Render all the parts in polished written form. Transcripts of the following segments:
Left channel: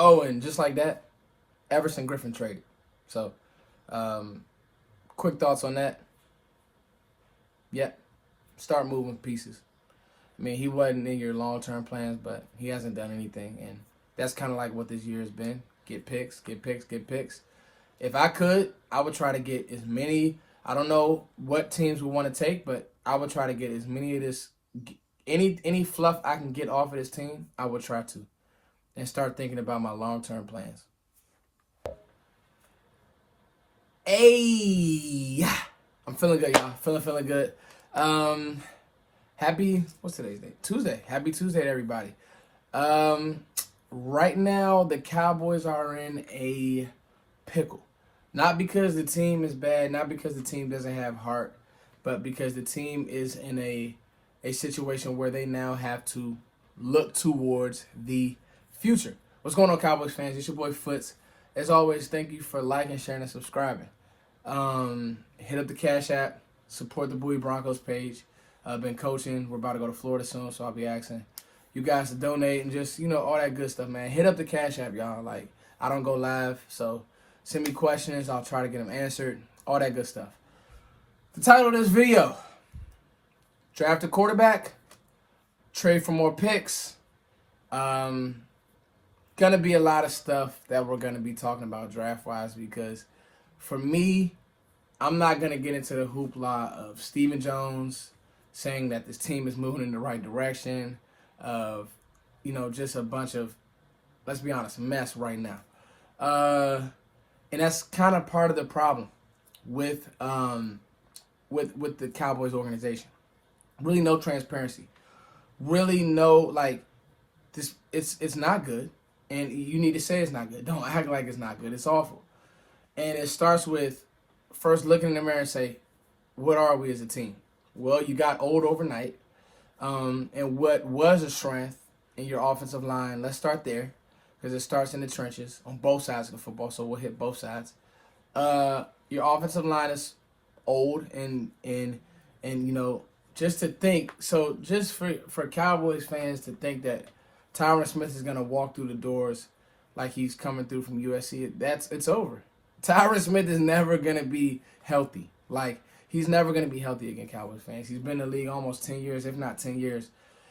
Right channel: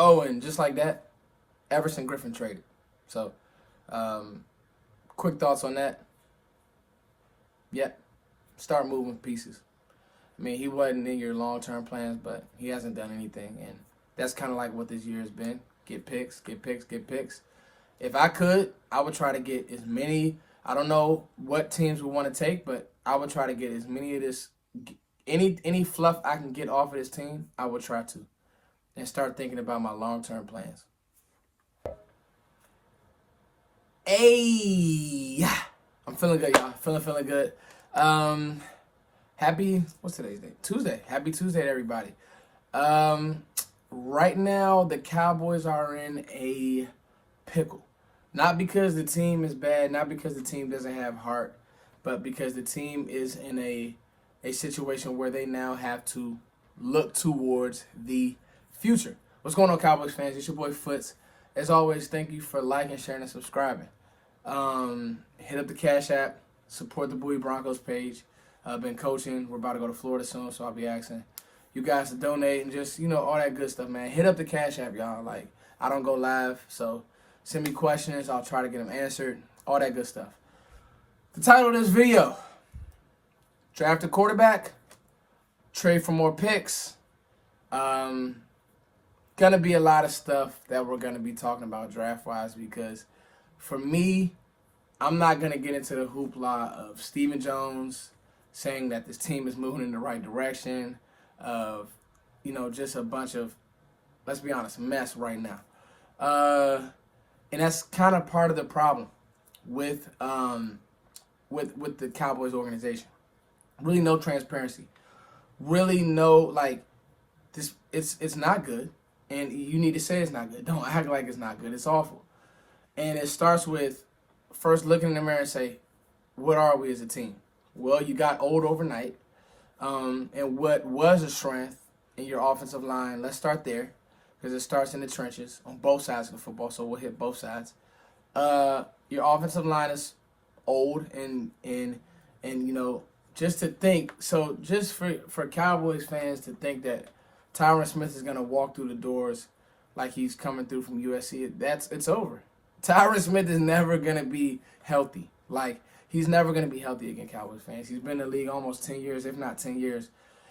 Oh, and just like that, Everson Griffin traded. So, quick thoughts on that. Yeah, start moving pieces. I mean, he wasn't in your long-term plans, but he hasn't done anything, and that's kind of like what this year has been. Get picks, get picks, get picks. If I could, I would try to get as many. I don't know what teams would want to take, but I would try to get as many of this, any fluff I can get off of this team. I would try to, and start thinking about my long-term plans. Hey, I'm feeling good, y'all. Feeling good. Happy, what's today's date? Tuesday. Happy Tuesday to everybody. Right now, the Cowboys are in a pickle. Not because the team is bad, not because the team doesn't have heart, but because the team is in a situation where they now have to look towards the future. What's going on, Cowboys fans? It's your boy Foots. As always, thank you for liking, sharing, and subscribing. Hit up the Cash App, support the Bowie Broncos page. I've been coaching. We're about to go to Florida soon, so I'll be asking you guys to donate and just, all that good stuff, man. Hit up the Cash App, y'all. Like, I don't go live, so send me questions. I'll try to get them answered. All that good stuff. The title of this video, draft a quarterback, trade for more picks. Gonna be a lot of stuff that we're gonna be talking about draft-wise because for me, I'm not gonna get into the hoopla of Stephen Jones saying that this team is moving in the right direction, of, just a bunch of, let's be honest, mess right now. And that's kind of part of the problem with the Cowboys organization. Really no transparency. Really no, this, it's not good. And you need to say it's not good. Don't act like it's not good. It's awful. And it starts with first looking in the mirror and say, what are we as a team? Well, you got old overnight. And what was a strength in your offensive line, let's start there, because it starts in the trenches on both sides of the football, so we'll hit both sides. Your offensive line is old, and just to think, so just for Cowboys fans to think that Tyron Smith is going to walk through the doors like he's coming through from USC, it's over. Tyron Smith is never going to be healthy. He's never going to be healthy again, Cowboys fans. He's been in the league almost 10 years, if not 10 years.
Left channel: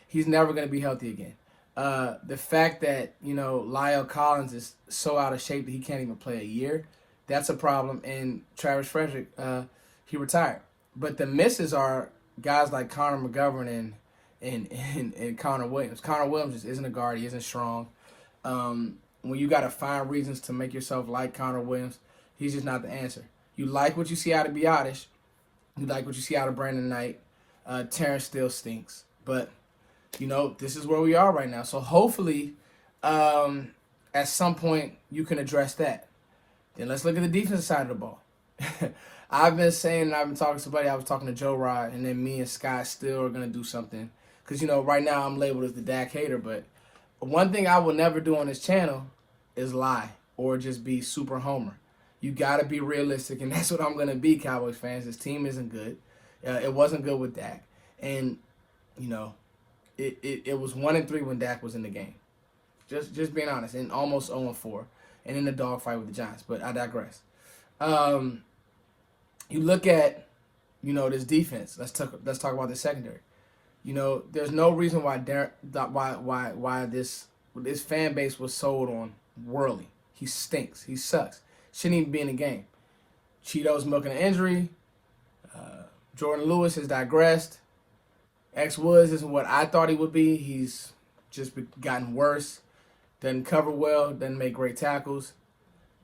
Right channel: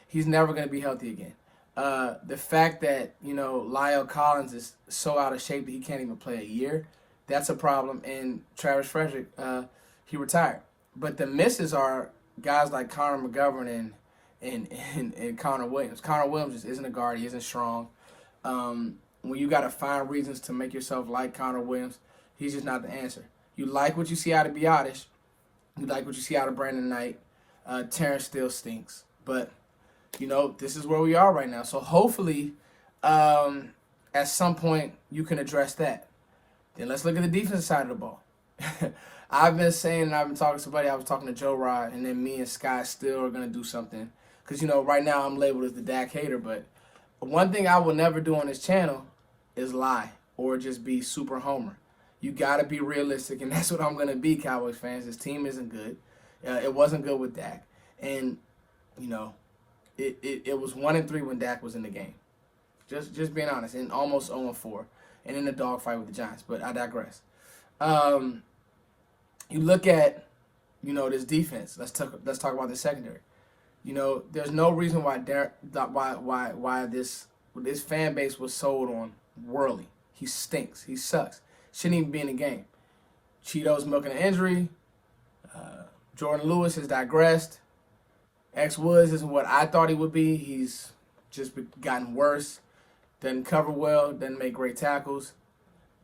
He's never going to be healthy again. The fact that, Lyle Collins is so out of shape that he can't even play a year, that's a problem. And Travis Frederick, he retired. But the misses are guys like Connor McGovern and Connor Williams. Connor Williams just isn't a guard. He isn't strong. When you got to find reasons to make yourself like Connor Williams, he's just not the answer. You like what you see out of Biotish. You like what you see out of Brandon Knight. Terrence still stinks. But, this is where we are right now. So hopefully, at some point, you can address that. Then let's look at the defensive side of the ball. I've been saying, and I've been talking to somebody, I was talking to Joe Rod, and then me and Scott still are going to do something. Because, right now I'm labeled as the Dak hater. But one thing I will never do on this channel is lie or just be super homer. You got to be realistic, and that's what I'm going to be, Cowboys fans. This team isn't good. It wasn't good with Dak. And, it was 1-3 when Dak was in the game. Just being honest, and almost 0-4, and in the dogfight with the Giants. But I digress. You look at, this defense. Let's talk about the secondary. There's no reason why this fan base was sold on Worley. He stinks. He sucks. Shouldn't even be in the game. Cheeto's milking an injury. Jordan Lewis has digressed. X Woods isn't what I thought he would be. He's just gotten worse. Doesn't cover well. Doesn't make great tackles.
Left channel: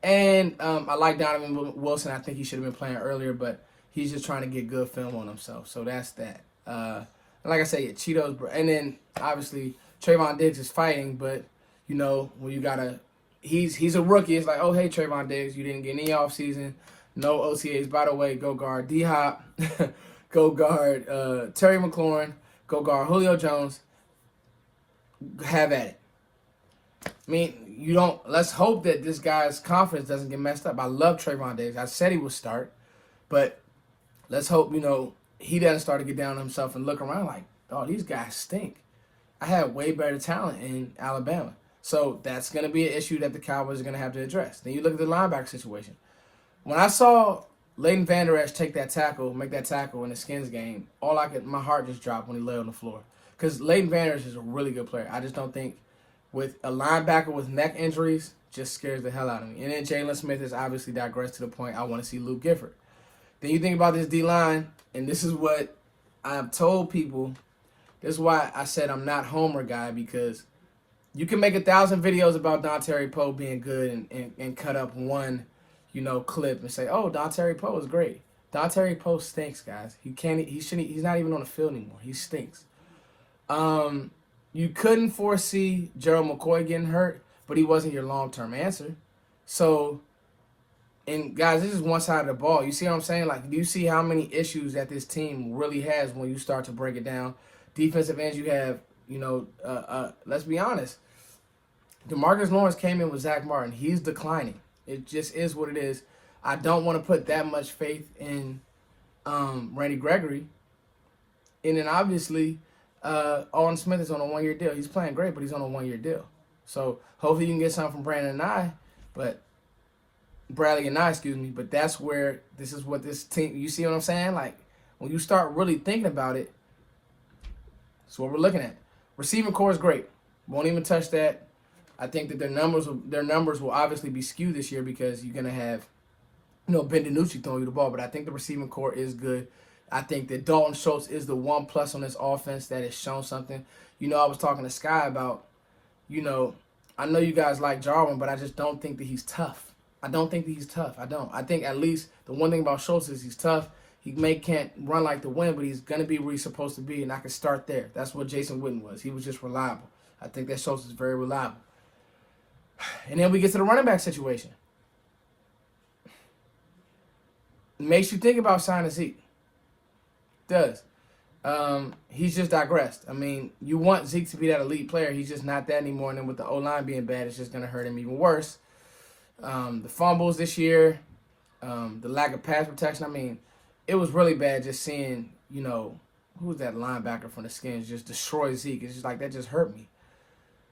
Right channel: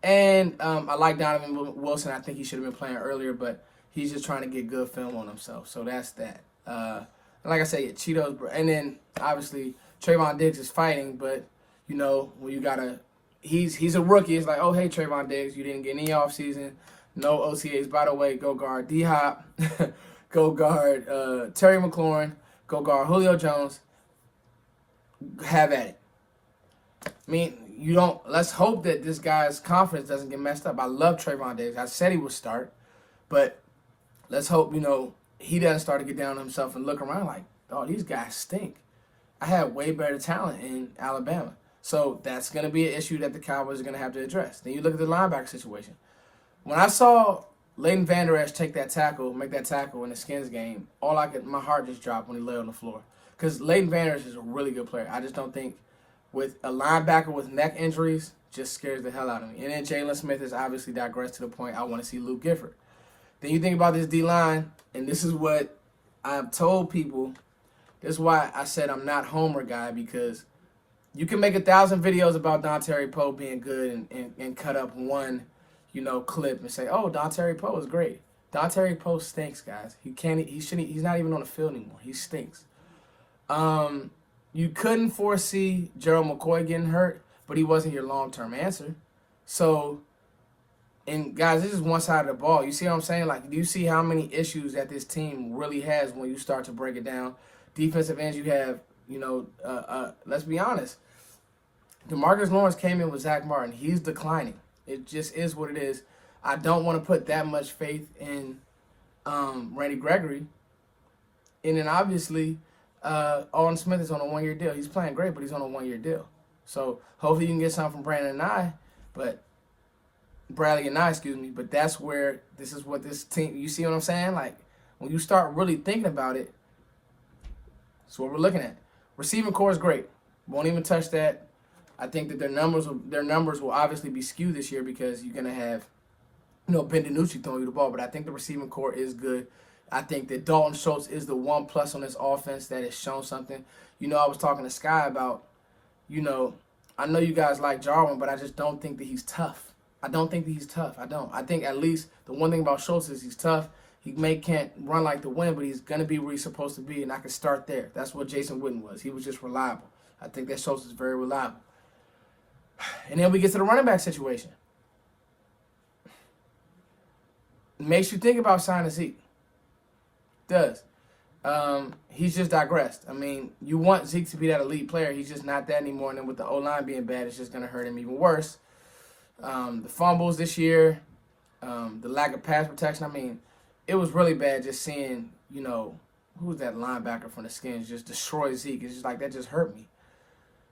And I like Donovan Wilson. I think he should have been playing earlier, but he's just trying to get good film on himself. So that's that. And like I say, Cheeto's. And then, obviously, Trayvon Diggs is fighting, but, when you got to... He's a rookie. It's like, oh, hey, Trayvon Diggs, you didn't get any offseason. No OTAs. By the way, go guard D-Hop. Go guard Terry McLaurin. Go guard Julio Jones. Have at it. I mean, let's hope that this guy's confidence doesn't get messed up. I love Trayvon Diggs. I said he would start. But let's hope, he doesn't start to get down on himself and look around like, oh, these guys stink. I had way better talent in Alabama. So that's going to be an issue that the Cowboys are going to have to address. Then you look at the linebacker situation. When I saw Leighton Vander Esch make that tackle in the Skins game, my heart just dropped when he lay on the floor. Because Leighton Vander Esch is a really good player. I just don't think with a linebacker with neck injuries just scares the hell out of me. And then Jalen Smith has obviously digressed to the point I want to see Luke Gifford. Then you think about this D-line, and this is what I have told people. This is why I said I'm not Homer guy, because you can make 1,000 videos about Dontari Poe being good and cut up one, clip and say, oh, Dontari Poe is great. Dontari Poe stinks, guys. He's not even on the field anymore. He stinks. You couldn't foresee Gerald McCoy getting hurt, but he wasn't your long-term answer. So, and guys, this is one side of the ball. You see what I'm saying? Like, do you see how many issues that this team really has when you start to break it down? Defensive ends, you have, let's be honest. DeMarcus Lawrence came in with Zach Martin. He's declining. It just is what it is. I don't want to put that much faith in Randy Gregory. And then obviously, Alden Smith is on a one-year deal. He's playing great, but he's on a one-year deal. So hopefully you can get something from Bradley and I. But that's where this is what this team, you see what I'm saying? Like, when you start really thinking about it, that's what we're looking at. Receiving core is great. Won't even touch that. I think that their numbers will obviously be skewed this year because you're going to have, Ben DiNucci throwing you the ball. But I think the receiving core is good. I think that Dalton Schultz is the one plus on this offense that has shown something. I was talking to Sky about, I know you guys like Jarwin, but I just don't think that he's tough. I don't think that he's tough. I don't. I think at least the one thing about Schultz is he's tough. He can't run like the wind, but he's going to be where he's supposed to be, and I can start there. That's what Jason Witten was. He was just reliable. I think that Schultz is very reliable. And then we get to the running back situation. It makes you think about signing Zeke. It does. He's just digressed. I mean, you want Zeke to be that elite player. He's just not that anymore. And then with the O-line being bad, it's just going to hurt him even worse. The fumbles this year, the lack of pass protection. I mean, it was really bad just seeing, who's that linebacker from the Skins just destroy Zeke. It's just like, that just hurt me.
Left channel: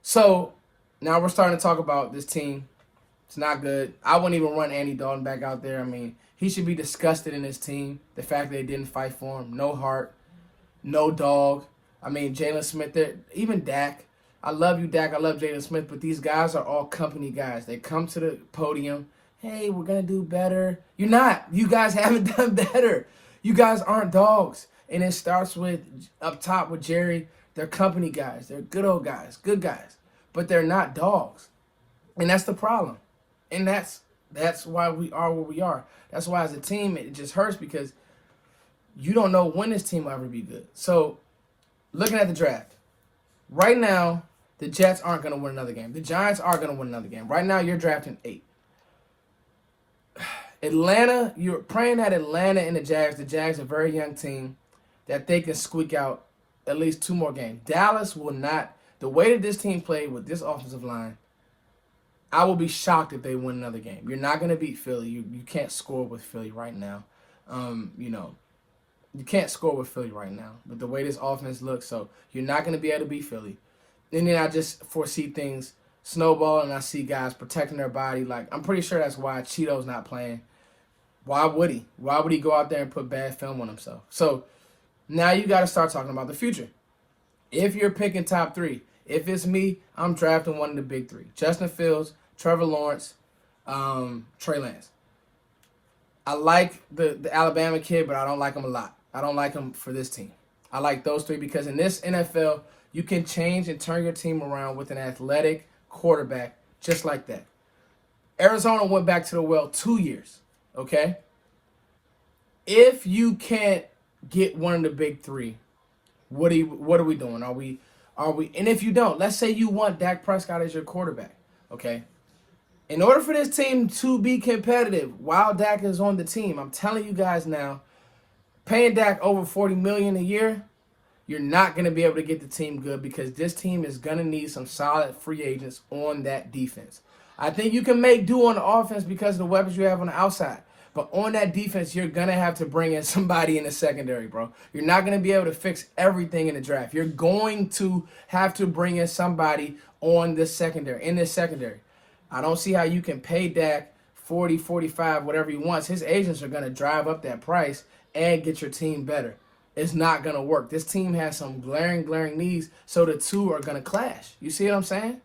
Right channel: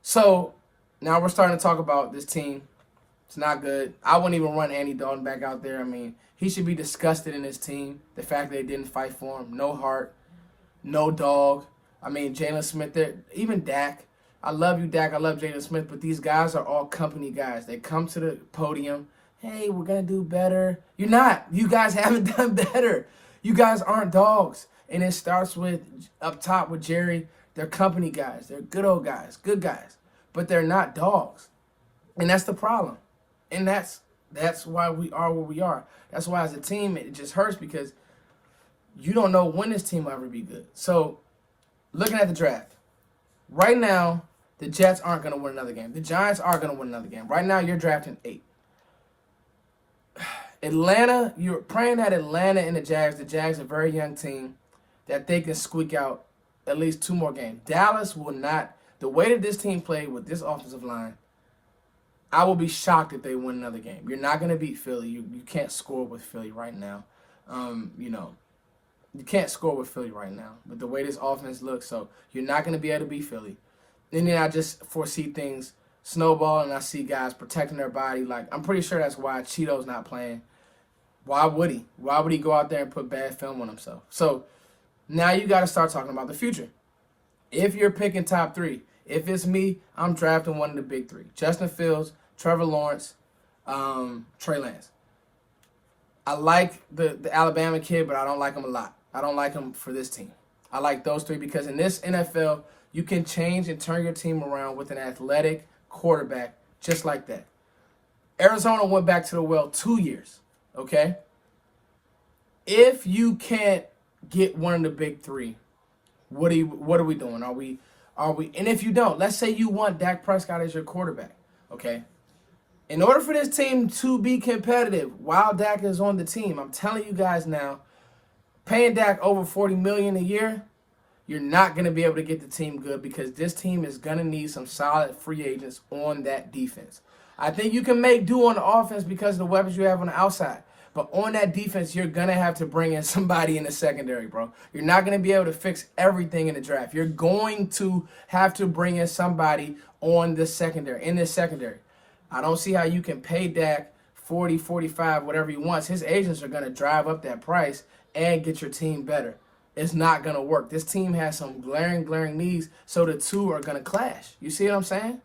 So now we're starting to talk about this team. It's not good. I wouldn't even run Andy Dalton back out there. I mean, he should be disgusted in his team. The fact that they didn't fight for him. No heart. No dog. I mean, Jalen Smith, even Dak. I love you, Dak. I love Jalen Smith. But these guys are all company guys. They come to the podium. Hey, we're going to do better. You're not. You guys haven't done better. You guys aren't dogs. And it starts with, up top with Jerry, they're company guys. They're good old guys, good guys. But they're not dogs. And that's the problem. And that's why we are where we are. That's why as a team, it just hurts because you don't know when this team will ever be good. So, looking at the draft, right now, the Jets aren't going to win another game. The Giants are going to win another game. Right now, you're drafting 8. Atlanta, you're praying that Atlanta and the Jags are a very young team, that they can squeak out at least 2 more games. Dallas will not. The way that this team played with this offensive line, I will be shocked if they win another game. You're not going to beat Philly. You can't score with Philly right now. You can't score with Philly right now. But the way this offense looks, so you're not going to be able to beat Philly. And then I just foresee things snowball, and I see guys protecting their body. Like, I'm pretty sure that's why Cheeto's not playing. Why would he? Why would he go out there and put bad film on himself? So now you got to start talking about the future. If you're picking top 3, if it's me, I'm drafting one of the big 3. Justin Fields, Trevor Lawrence, Trey Lance. I like the Alabama kid, but I don't like him a lot. I don't like him for this team. I like those 3 because in this NFL, you can change and turn your team around with an athletic quarterback just like that. Arizona went back to the well 2 years, okay? If you can't get one of the big 3, what are we doing? Are we? And if you don't, let's say you want Dak Prescott as your quarterback, okay? In order for this team to be competitive while Dak is on the team, I'm telling you guys now, paying Dak over $40 million a year, you're not going to be able to get the team good because this team is going to need some solid free agents on that defense. I think you can make do on the offense because of the weapons you have on the outside. But on that defense, you're going to have to bring in somebody in the secondary, bro. You're not going to be able to fix everything in the draft. You're going to have to bring in somebody on this secondary, in this secondary. I don't see how you can pay Dak 40, 45, whatever he wants. His agents are going to drive up that price and get your team better. It's not going to work. This team has some glaring needs, so the two are going to clash. You see what I'm saying?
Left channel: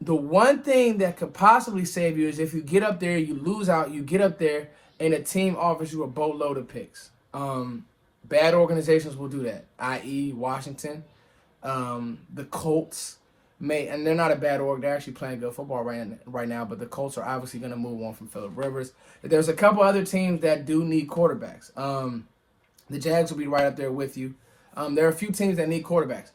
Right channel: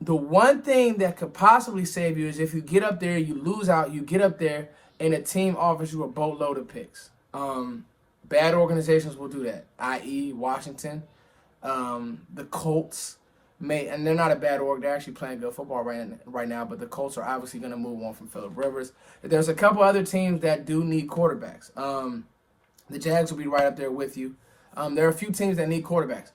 The one thing that could possibly save you is if you get up there, you lose out, you get up there, and a team offers you a boatload of picks. Bad organizations will do that, i.e. Washington, the Colts. And they're not a bad org. They're actually playing good football right now, but the Colts are obviously going to move on from Phillip Rivers. There's a couple other teams that do need quarterbacks. The Jags will be right up there with you. There are a few teams that need quarterbacks.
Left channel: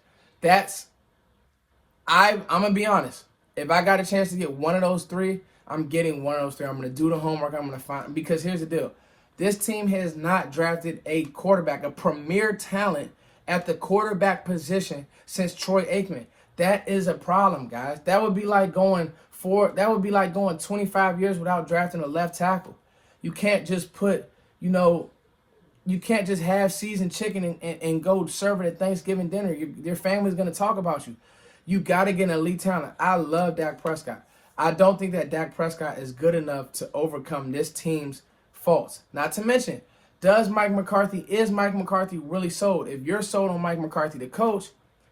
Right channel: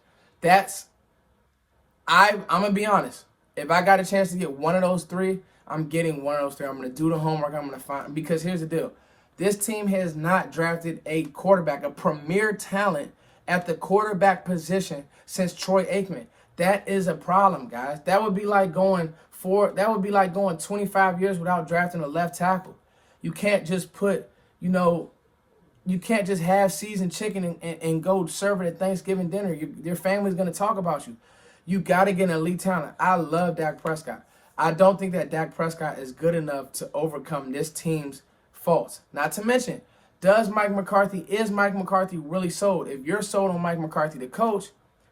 I'm going to be honest. If I got a chance to get one of those three, I'm getting one of those three. I'm going to do the homework. I'm going to find, because here's the deal. This team has not drafted a quarterback, a premier talent at the quarterback position since Troy Aikman. That is a problem, guys. That would be like going 25 years without drafting a left tackle. You can't just you can't just have seasoned chicken and go serve it at Thanksgiving dinner. Your family's going to talk about you. You got to get an elite talent. I love Dak Prescott. I don't think that Dak Prescott is good enough to overcome this team's faults. Not to mention, is Mike McCarthy really sold? If you're sold on Mike McCarthy, the coach,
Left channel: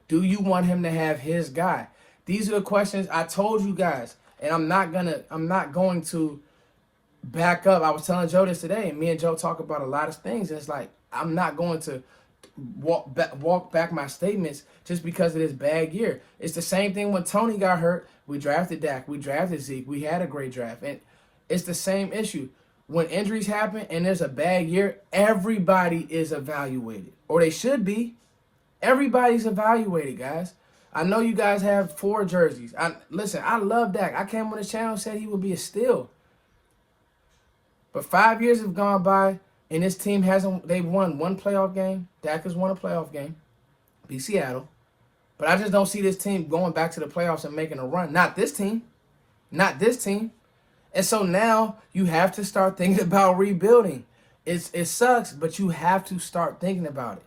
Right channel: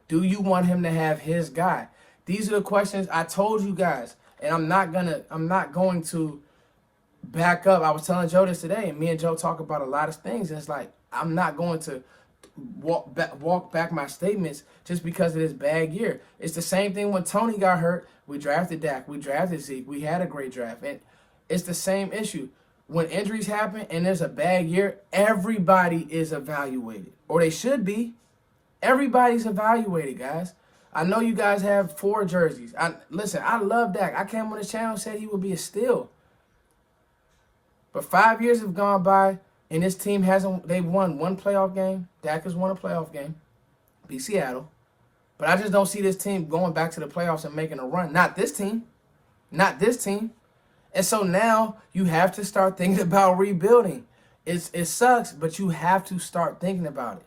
do you want him to have his guy? These are the questions I told you guys, and I'm not going to back up. I was telling Joe this today, and me and Joe talk about a lot of things, and it's like I'm not going to walk back my statements just because of this bad year. It's the same thing when Tony got hurt. We drafted Dak. We drafted Zeke. We had a great draft. And it's the same issue. When injuries happen and there's a bad year, everybody is evaluated. Or they should be. Everybody's evaluated, guys. I know you guys have 4 jerseys. Listen, I love Dak. I came on this channel and said he would be a steal. But 5 years have gone by, and this team they've won one playoff game. Dak has won a playoff game. Beat Seattle. But I just don't see this team going back to the playoffs and making a run. Not this team. Not this team. And so now you have to start thinking about rebuilding. It sucks, but you have to start thinking about it.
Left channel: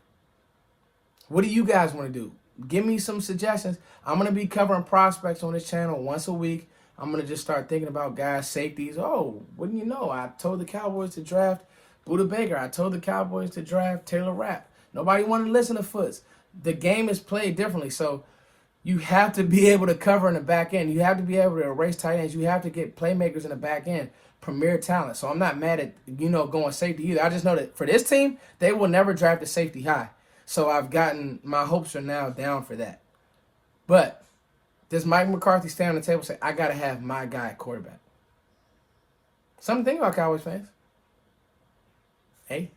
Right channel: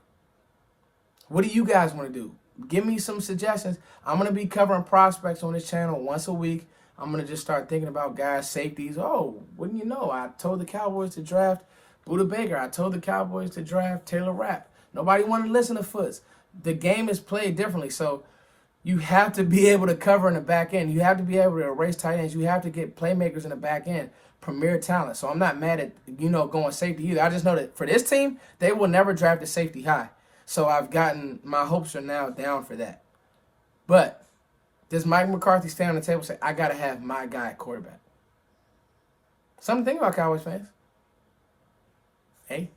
What do you guys want to do? Give me some suggestions. I'm going to be covering prospects on this channel once a week. I'm going to just start thinking about guys' safeties. Oh, wouldn't you know? I told the Cowboys to draft Buda Baker. I told the Cowboys to draft Taylor Rapp. Nobody wanted to listen to Foots. The game is played differently, so you have to be able to cover in the back end. You have to be able to erase tight ends. You have to get playmakers in the back end, premier talent. So I'm not mad at, going safety either. I just know that for this team, they will never draft a safety high. So my hopes are now down for that. But does Mike McCarthy stand on the table and say, I got to have my guy at quarterback? Something to think about, Cowboys fans. Hey.